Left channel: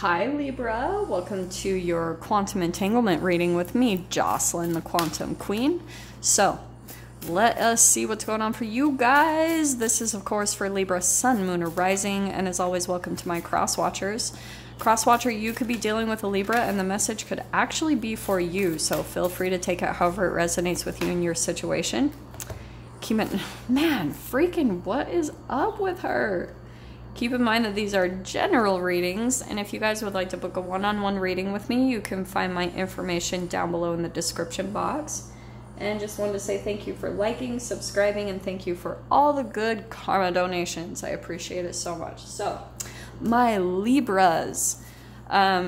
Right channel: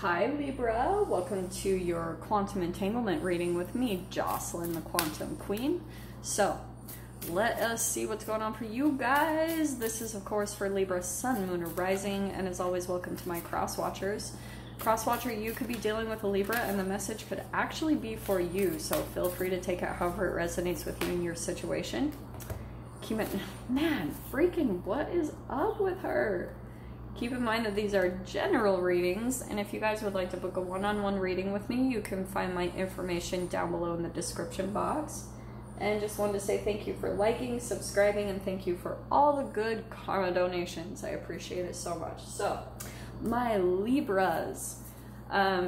Hi Libra, welcome to your quantum entanglement reading with me, Jocelyn, the Quantum Queen. So, let us see what's going on for you guys. This is, of course, for Libra, Sun, Moon, or Rising, and as always, welcome to my cross-watchers. Cross-watcher, you could be dealing with a Libra, and the message could actually be for you, so feel free to take it however it resonates with you in your situation. Keep it, man, freaking what is up with her? Keep in mind that these are general readings, and if you guys would like to book a one-on-one reading with me, you can find my information down below in the description box. And just wanted to say thank you for liking, subscribing, and thank you for all the good karma donations. I appreciate it so much. So, my Libras.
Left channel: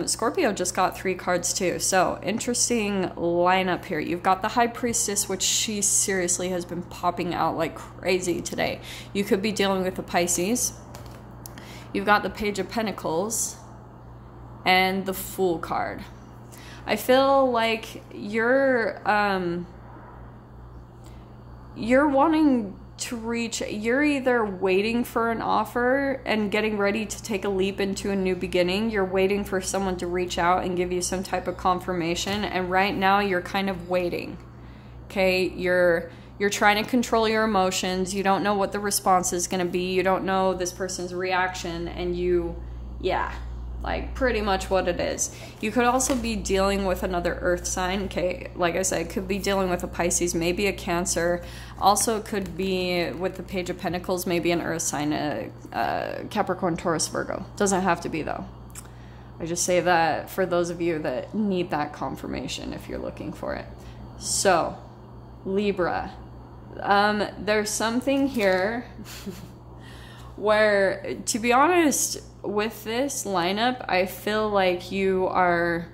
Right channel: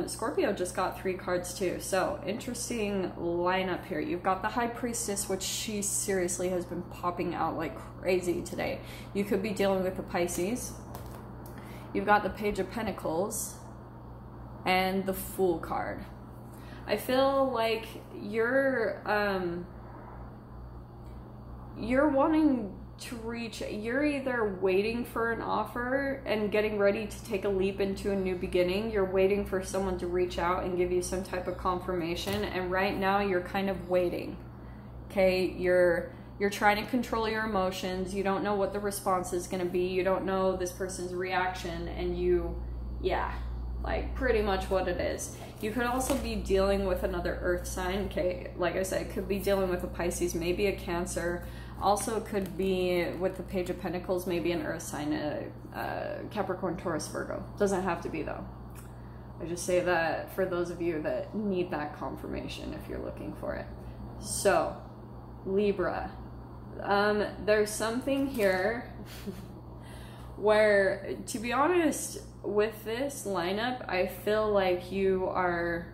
Scorpio just got 3 cards too, so interesting lineup here. You've got the High Priestess, which she seriously has been popping out like crazy today. You could be dealing with the Pisces. You've got the Page of Pentacles and the Fool card. I feel like you're wanting to reach, you're either waiting for an offer and getting ready to take a leap into a new beginning. You're waiting for someone to reach out and give you some type of confirmation, and right now you're kind of waiting. Okay, you're trying to control your emotions. You don't know what the response is going to be. You don't know this person's reaction, and yeah, like pretty much what it is. You could also be dealing with another earth sign. Okay, like I said, could be dealing with a Pisces, maybe a Cancer. Also could be with the Page of Pentacles, maybe an earth sign, a Capricorn, Taurus, Virgo. Doesn't have to be though. I just say that for those of you that need that confirmation if you're looking for it. So, Libra. There's something here where, to be honest, with this lineup, I feel like you are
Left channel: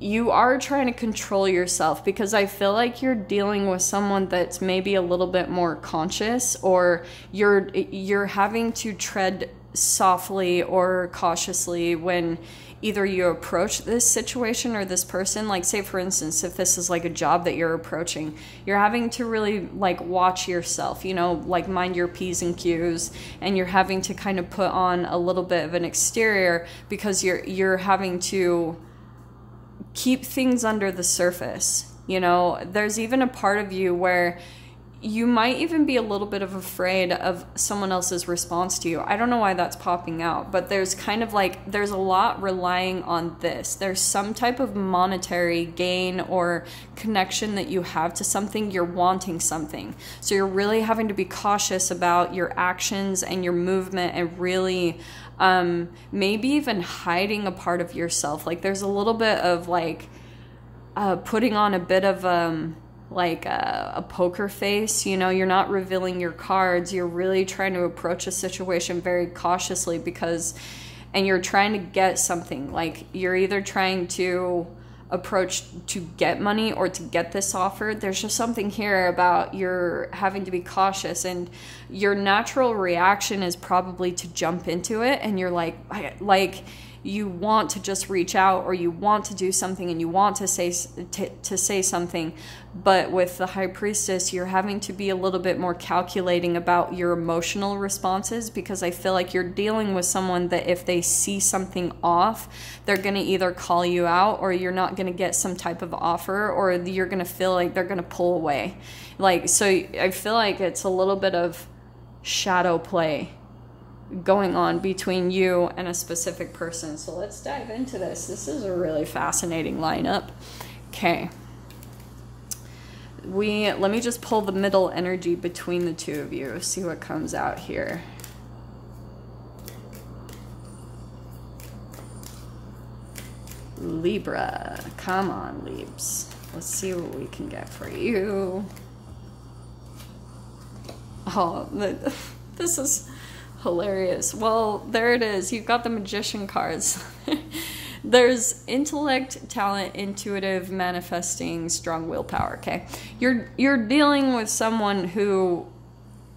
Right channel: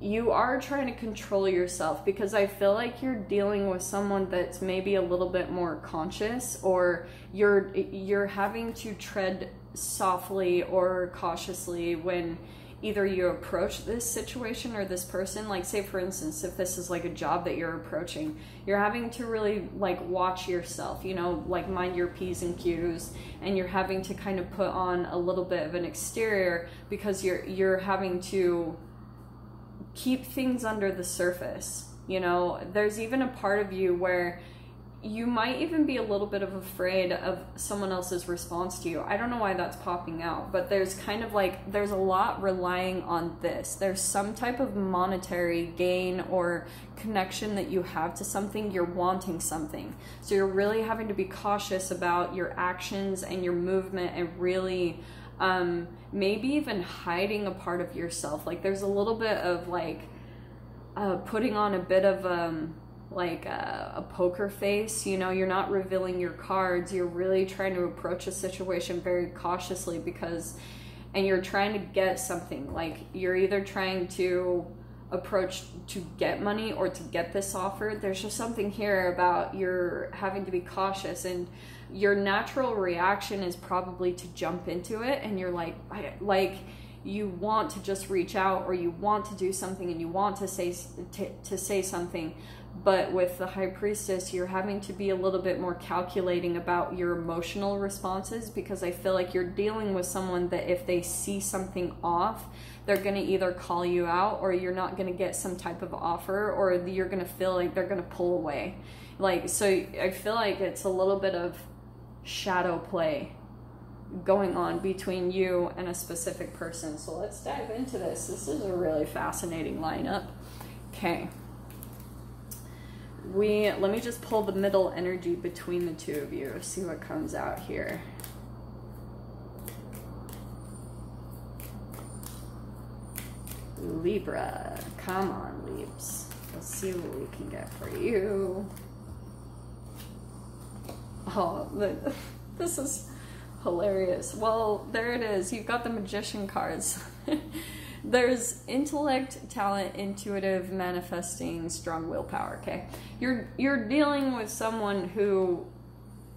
trying to control yourself, because I feel like you're dealing with someone that's maybe a little bit more conscious, or you're having to tread softly or cautiously when either you approach this situation or this person. Like, say for instance, if this is like a job that you're approaching, you're having to really like watch yourself, you know, like mind your P's and Q's, and you're having to kind of put on a little bit of an exterior because you're having to keep things under the surface. You know, there's even a part of you where you might even be a little bit of afraid of someone else's response to you. I don't know why that's popping out, but there's kind of like, there's a lot relying on this. There's some type of monetary gain or connection that you have to something. You're wanting something. So you're really having to be cautious about your actions and your movement, and really maybe even hiding a part of yourself. Like, there's a little bit of like putting on a bit of like a poker face, you know. You're not revealing your cards. You're really trying to approach a situation very cautiously, and you're trying to get something. Like, you're either trying to approach to get money or to get this offer. There's just something here about you're having to be cautious, and your natural reaction is probably to jump into it, and you're like you want to just reach out, or you want to do something, and you want to say something. But with the High Priestess, you're having to be a little bit more calculating about your emotional responses, because I feel like you're dealing with someone that if they see something off, they're going to either call you out, or you're not going to get some type of offer, or you're going to feel like they're going to pull away. Like, so I feel like it's a little bit of shadow play going on between you and a specific person. So let's dive into this. This is a really fascinating lineup. Okay. Let me just pull the middle energy between the two of you, see what comes out here. Libra, come on, Libs. Let's see what we can get for you. Oh, this is hilarious. Well, there it is. You've got the Magician cards. There's intellect, talent, intuitive, manifesting, strong willpower, okay? You're dealing with someone who,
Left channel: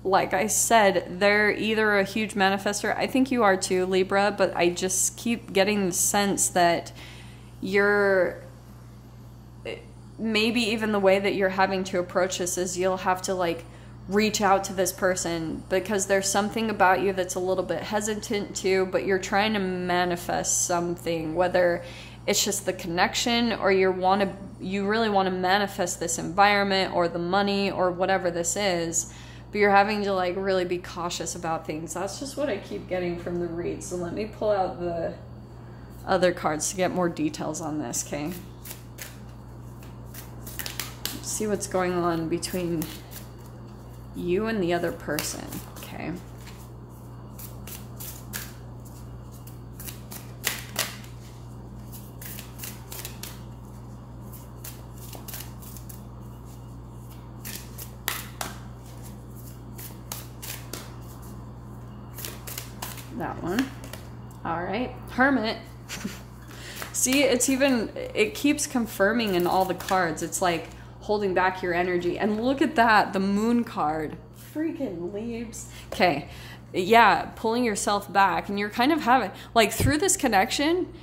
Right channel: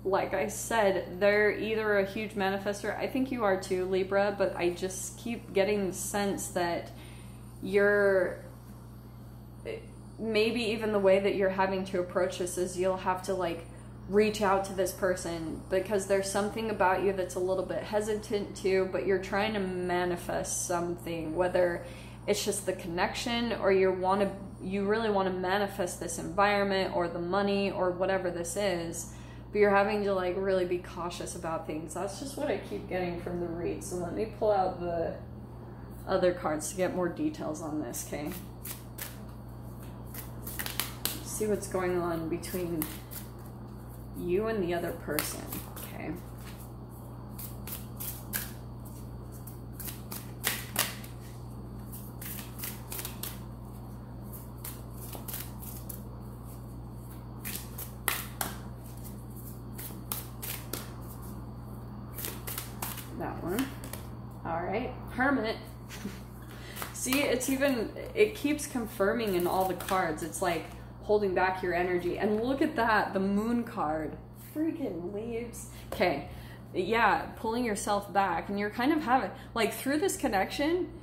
like I said, they're either a huge manifester. I think you are too, Libra, but I just keep getting the sense that you're, maybe even the way that you're having to approach this is you'll have to like reach out to this person because there's something about you that's a little bit hesitant to, but you're trying to manifest something, whether it's just the connection or you really want to manifest this environment or the money or whatever this is, but you're having to like really be cautious about things. That's just what I keep getting from the read. So let me pull out the other cards to get more details on this, okay? Let's see what's going on between you and the other person, okay? That one. All right, Hermit. See, it keeps confirming in all the cards. It's like holding back your energy. And look at that, the Moon card. Freaking leaves. Okay, yeah, pulling yourself back. And you're kind of having, like, through this connection,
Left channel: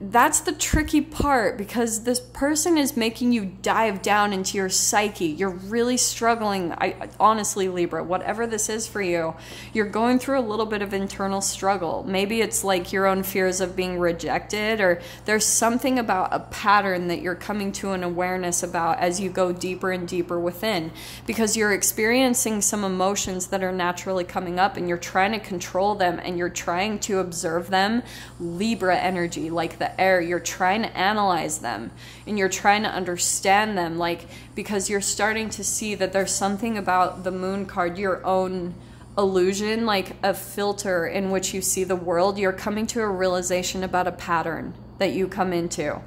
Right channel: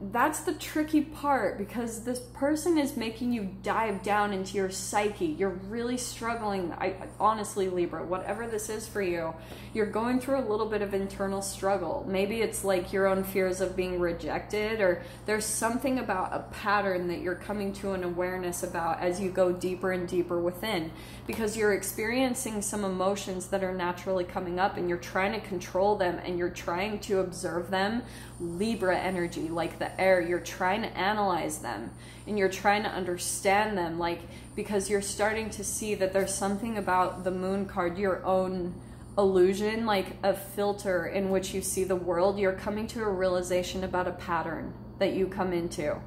that's the tricky part, because this person is making you dive down into your psyche. You're really struggling. Honestly, Libra, whatever this is for you, you're going through a little bit of internal struggle. Maybe it's like your own fears of being rejected, or there's something about a pattern that you're coming to an awareness about as you go deeper and deeper within, because you're experiencing some emotions that are naturally coming up and you're trying to control them and you're trying to observe them. Libra energy, like the air, you're trying to analyze them and you're trying to understand them, like, because you're starting to see that there's something about the Moon card, your own illusion, like a filter in which you see the world. You're coming to a realization about a pattern that you come into.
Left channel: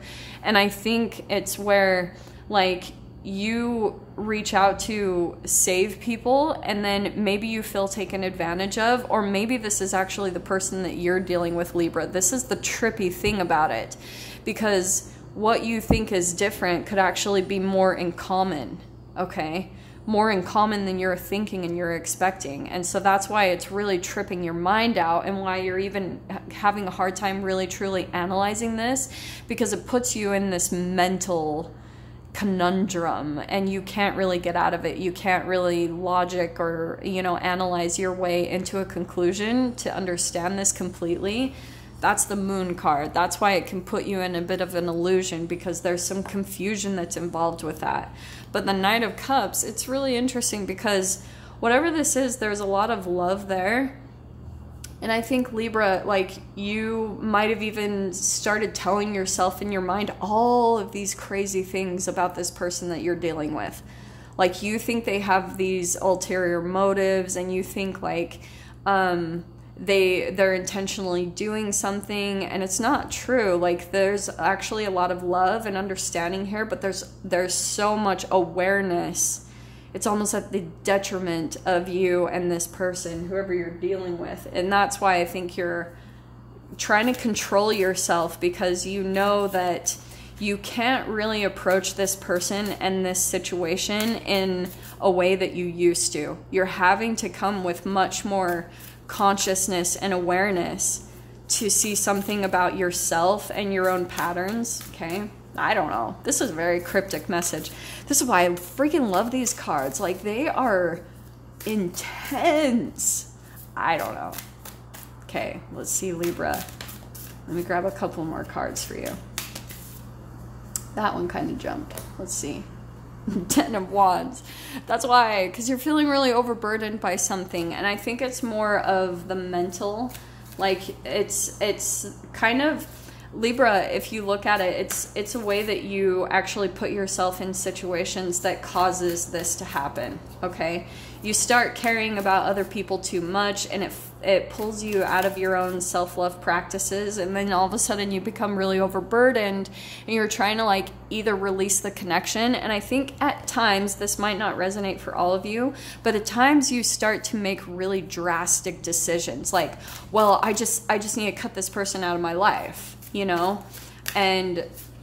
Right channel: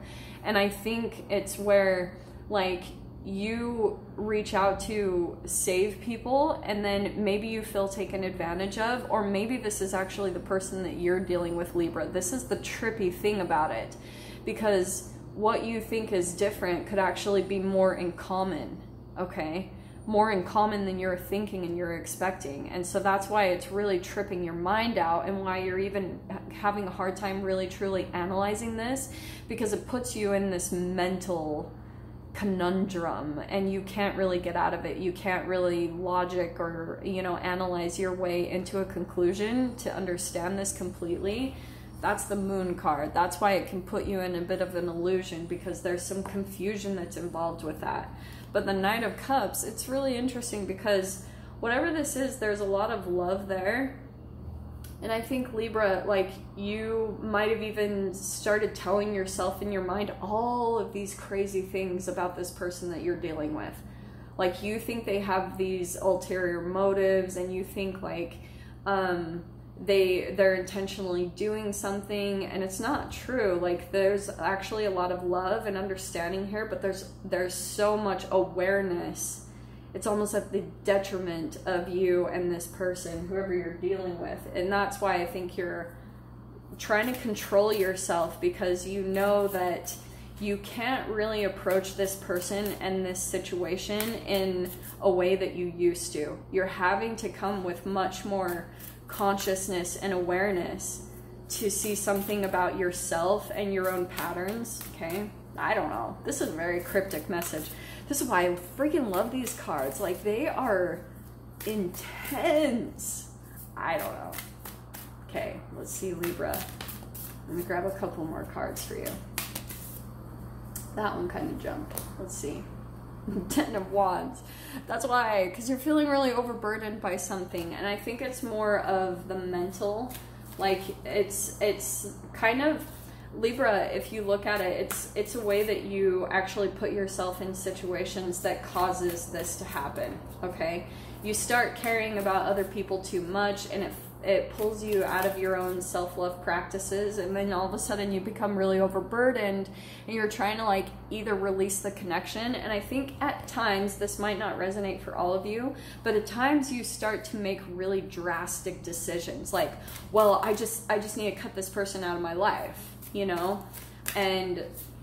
And I think it's where, like, you reach out to save people and then maybe you feel taken advantage of, or maybe this is actually the person that you're dealing with, Libra. This is the trippy thing about it, because what you think is different could actually be more in common, okay? More in common than you're thinking and you're expecting. And so that's why it's really tripping your mind out, and why you're even having a hard time really truly analyzing this, because it puts you in this mental conundrum and you can't really get out of it. You can't really logic or, analyze your way into a conclusion to understand this completely. That's the Moon card. That's why it can put you in a bit of an illusion, because there's some confusion that's involved with that. But the Knight of Cups, it's really interesting because whatever this is, there's a lot of love there. And I think, Libra, like, you might have even started telling yourself in your mind all of these crazy things about this person that you're dealing with. Like, you think they have these ulterior motives, and you think, like, they're intentionally doing something, and it's not true. Like, there's actually a lot of love and understanding here, but there's so much awareness. It's almost at the detriment of you and this person, whoever you're dealing with. And that's why I think you're trying to control yourself, because you know that you can't really approach this person and this situation in a way that you used to. You're having to come with much more consciousness and awareness to see something about yourself and your own patterns, okay? I don't know. This is a very cryptic message. This is why I freaking love these cards. Like, they are intense. I don't know. Okay, let's see, Libra. Let me grab a couple more cards for you. That one kind of jumped. Let's see. Ten of Wands. That's why, because you're feeling really overburdened by something. And I think it's more of the mental. Like, it's kind of... Libra, if you look at it, it's a way that you actually put yourself in situations that causes this to happen, okay? You start caring about other people too much, and it pulls you out of your own self-love practices, and then all of a sudden you become really overburdened, and you're trying to, like, either release the connection. And I think at times, this might not resonate for all of you, but at times you start to make really drastic decisions, like, well, I just need to cut this person out of my life,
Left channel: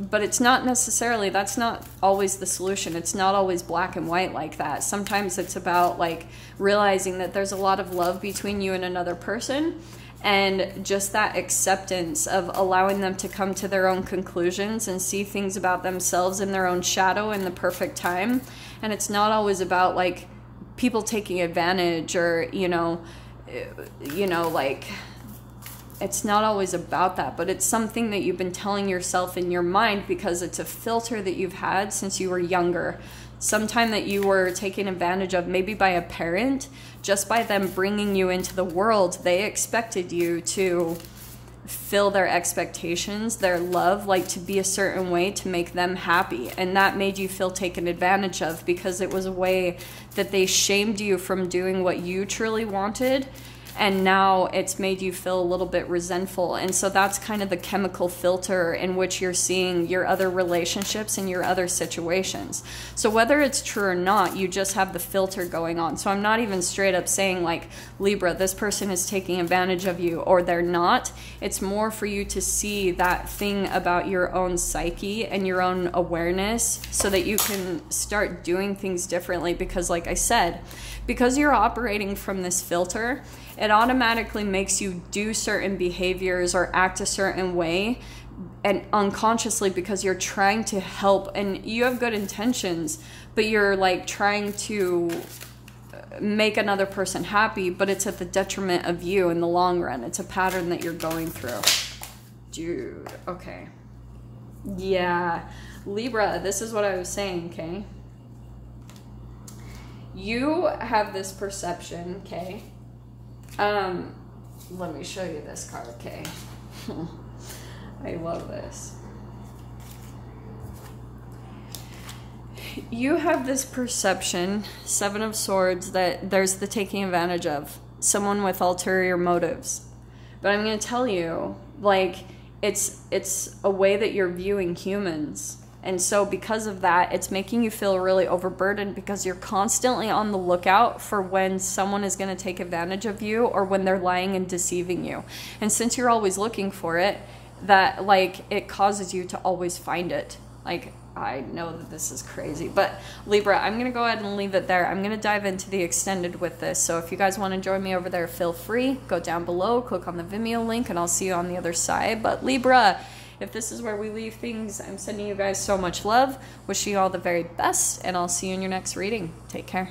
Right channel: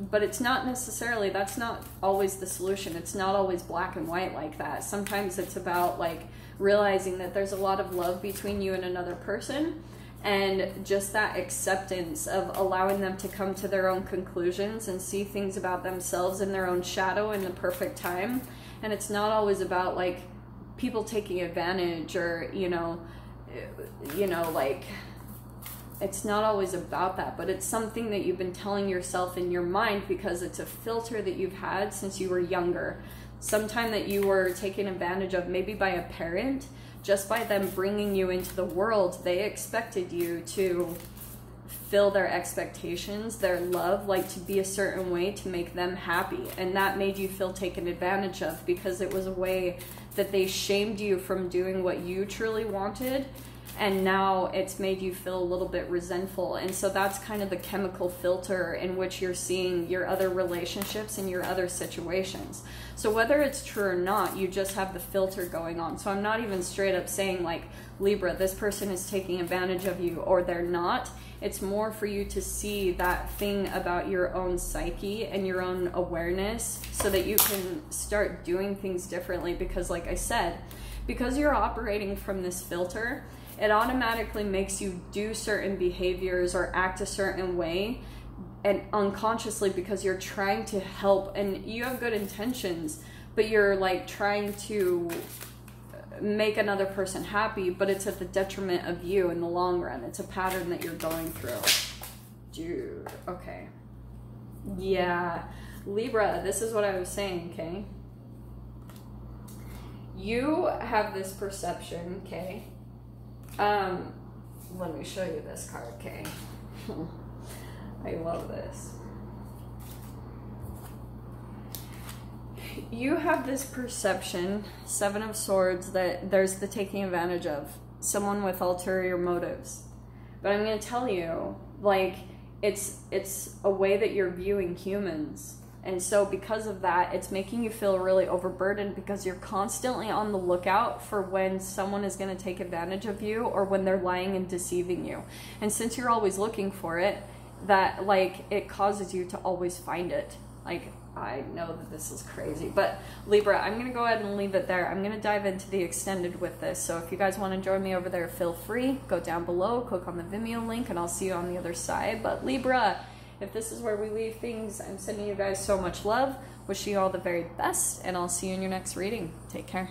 but it's not necessarily, that's not always the solution. It's not always black and white like that. Sometimes it's about, like, realizing that there's a lot of love between you and another person, and just that acceptance of allowing them to come to their own conclusions and see things about themselves in their own shadow in the perfect time. And it's not always about, like, people taking advantage, or, you know, like, it's not always about that, but it's something that you've been telling yourself in your mind because it's a filter that you've had since you were younger. Sometime that you were taken advantage of, maybe by a parent, just by them bringing you into the world. They expected you to fill their expectations, their love, like to be a certain way to make them happy. And that made you feel taken advantage of because it was a way that they shamed you from doing what you truly wanted. And now it's made you feel a little bit resentful. And so that's kind of the chemical filter in which you're seeing your other relationships and your other situations. So whether it's true or not, you just have the filter going on. So I'm not even straight up saying like, Libra, this person is taking advantage of you, or they're not. It's more for you to see that thing about your own psyche and your own awareness so that you can start doing things differently. Because like I said, because you're operating from this filter, it automatically makes you do certain behaviors or act a certain way, and unconsciously, because you're trying to help and you have good intentions, but you're like trying to make another person happy, but it's at the detriment of you in the long run. It's a pattern that you're going through. Dude, okay. Yeah, Libra, this is what I was saying, okay? You have this perception, okay? Let me show you this card, okay? I love this. You have this perception, Seven of Swords, that there's the taking advantage of someone with ulterior motives. But I'm going to tell you, like, it's a way that you're viewing humans. And so because of that, it's making you feel really overburdened because you're constantly on the lookout for when someone is going to take advantage of you or when they're lying and deceiving you. And since you're always looking for it, that like it causes you to always find it. Like, I know that this is crazy, but Libra, I'm going to go ahead and leave it there. I'm going to dive into the extended with this. So if you guys want to join me over there, feel free. Go down below, click on the Vimeo link, and I'll see you on the other side. But Libra, if this is where we leave things, I'm sending you guys so much love. Wishing you all the very best, and I'll see you in your next reading. Take care.